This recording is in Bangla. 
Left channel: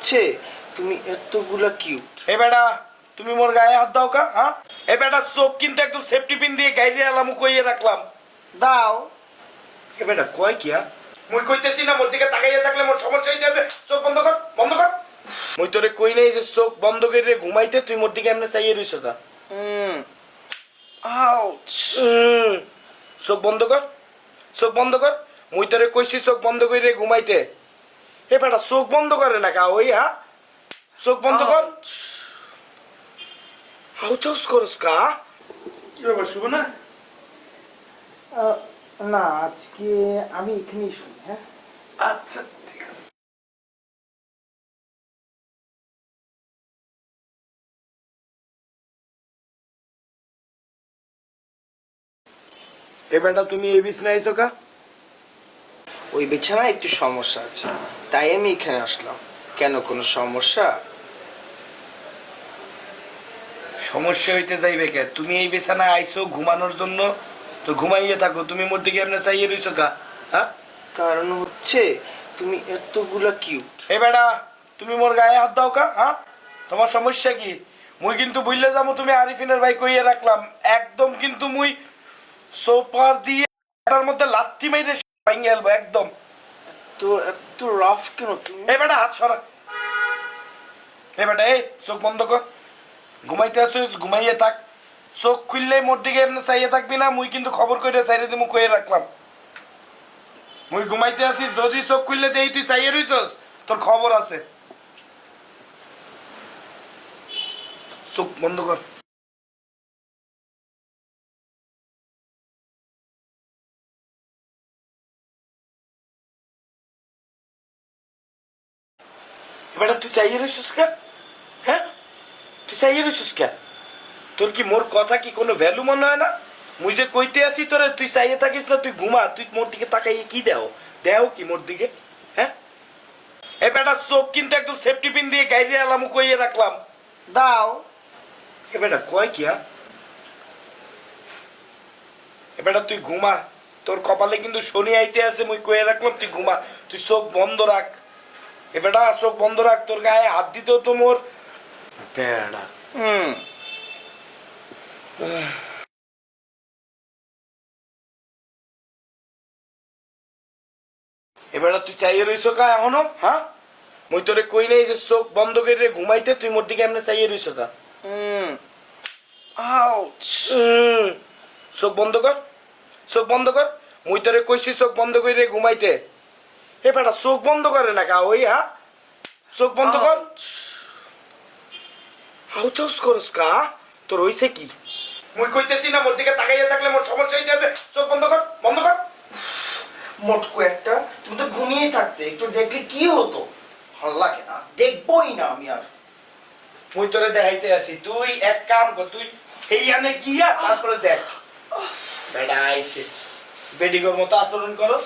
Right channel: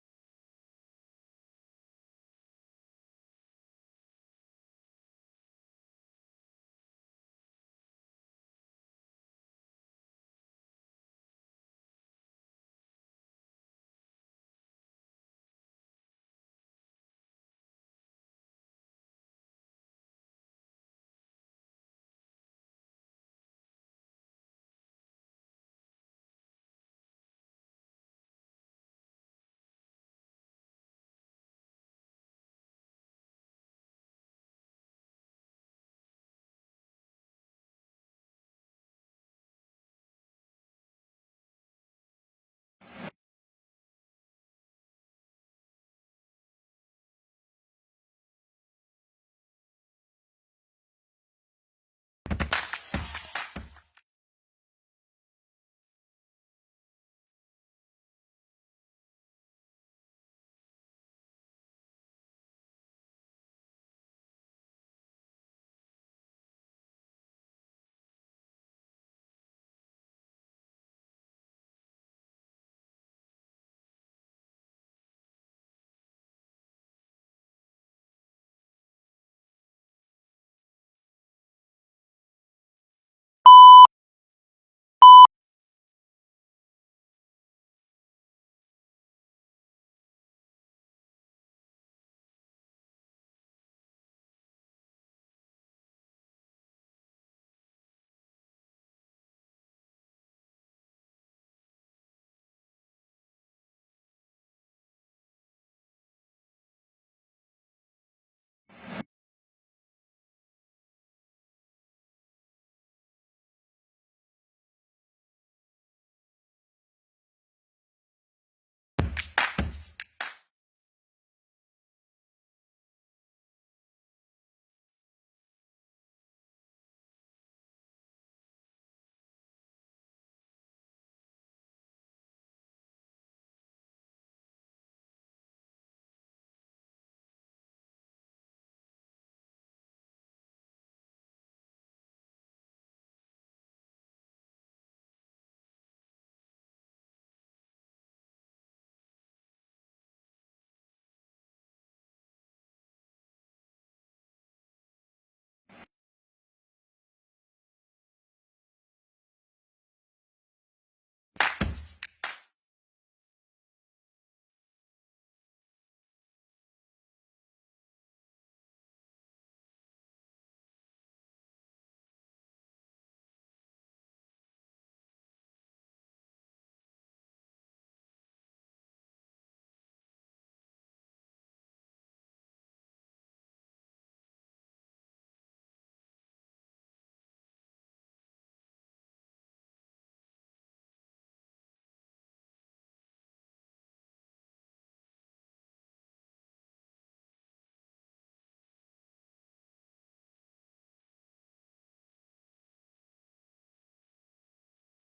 হচ্ছে তুমি এতগুলা কিউট। এ বেটা তুমি মোর গায়ে হাত দাও কা? হ্যাঁ এ বেটা চোখ কিন্তু একদম সেফটি পিন দিয়ে গাইরে আলাম কইয়ে রাখলাম। দাও। এ বেটা কয় কি? মুই কইতেছি না মোর দিকে তাকাইয়া থাকলে মোর সমস্যা হইতে আছে। চোখ বন্ধ কর, বন্ধ কর। মুই তোরে কই নাই যে চোখ বন্ধ করে ঘুমাইতে, তুই মোর দিকে এমনি চাইয়ে রইছ কা? আউচ। চোখ বন্ধ কর, চোখ বন্ধ কর। মুই তোরে কইছি চোখ বন্ধ করে ঘুমাইতে। এ বেটা চোখ বন্ধ করে না কা ওই? হ্যাঁ চোখ বন্ধ কর। হাউচাউস করস কা? কি ব্যাপার শুভ না? না, আজকে আমি এখানেই শুনি। হ্যাঁ, আচ্ছা ঠিক আছে। এ বেটা তুমি এই বিছনায় আইছো কা? ওই বিছানায় একটু সমস্যা আছে, তাই আমি এখানে আসলাম। কেন, কোনো সমস্যা? সমস্যা হইতে যাইবে কে? তুমি এই বিছানায় আইছো ঘুমানোর জন্য, তো ঘুমাইয়ে থাকো। তুমি মোর দিকে এমনি চাইয়ে রইছো কা? হ্যাঁ কারণ হচ্ছে তুমি এতগুলা কিউট। এ বেটা তুমি মোর গায়ে হাত দাও কা? হ্যাঁ তোমার সমস্যা কি? মুই কিন্তু বুঝলে যাবো তুমি আরিফিনের ভাই কইয়ে রাখলাম। একদম কিন্তু মুই সোপার দিয়ে এটার মধ্যে লাথি মাইরে ভেঙে গেলবো একদম। তো এত রাফ কেন তুমি? এ বেটা হাত সরা। এ বেটা এই চোখ বন্ধ কর। ঘুমাইতে আসিস ঘুমাইয়ে থাক। চোখ খুললে মোর দিকে এমনি চাইয়ে থাকবি না। মুই কিন্তু খবর কইরে চাইরে দিমু কইয়ে রাখলাম। মুই ঘুমাইতে আসিস, যদি চোখ খুললে দেই তুই চাইয়ে রইছস, তোর খবর আছে। চোখ বন্ধ কর। বেটা তুই চাইয়ে রইছস কে? হ্যাঁ তুই চাইয়ে রইছস কে? তোর কি মোর কথা কি কোনো ভ্যালু মনে হয় না? মুই যে কইতে আসি তোরে তুই চাইয়ে থাকিস না, তুই ঘুমা। তুই মোর দিকে তাকাইয়ে কি দেও? দেও কি মোর দিকে? হ্যাঁ এ বেটা চোখ কিন্তু একদম সেফটি পিন দিয়ে গাইরে আলাম কইয়ে রাখলাম। দাও। এ বেটা কয় কি? এ বেটা তুই ঘুমা। তোর কপালে কিন্তু শনি আইতে আছে, মুই কইয়ে রাখলাম তুই ঘুমা। তুই চোখ বন্ধ রাখ। এ বেটা চোখ বন্ধ রাখ। তোর গায়ে হাত দিতেও তো মোর বেড়া। এবার তুই চাইয়ে রইছো কা এখনো? হ্যাঁ মুই তোরে কই নাই যে চোখ বন্ধ করে ঘুমাইতে, তুই মোর দিকে এমনি চাইয়ে রইছো কা? আউচ। চোখ বন্ধ কর, চোখ বন্ধ কর। মুই তোরে কইছি চোখ বন্ধ করে ঘুমাইতে। এ বেটা চোখ বন্ধ করে না কা ওই? হ্যাঁ চোখ বন্ধ কর। হাউচাউস করস কা? তোর হইছে কি? মুই কইতেছি না মোর দিকে তাকাইয়া থাকলে মোর সমস্যা হইতে আছে। চোখ বন্ধ কর, বন্ধ কর। মোটকু একটা, তুমি তো ঘুমিয়ে থাকতে, একটু দেখলে কি হতো? ভালো লাগে না, দেখবোই না আমি আর। মুই তোরে দেখাইতে আছি, তুই এক কাম কর, তুই এইখানে গিয়া তারপরে দেখ। বেটা আইছে বেডিগোর মতো আচরণ করস।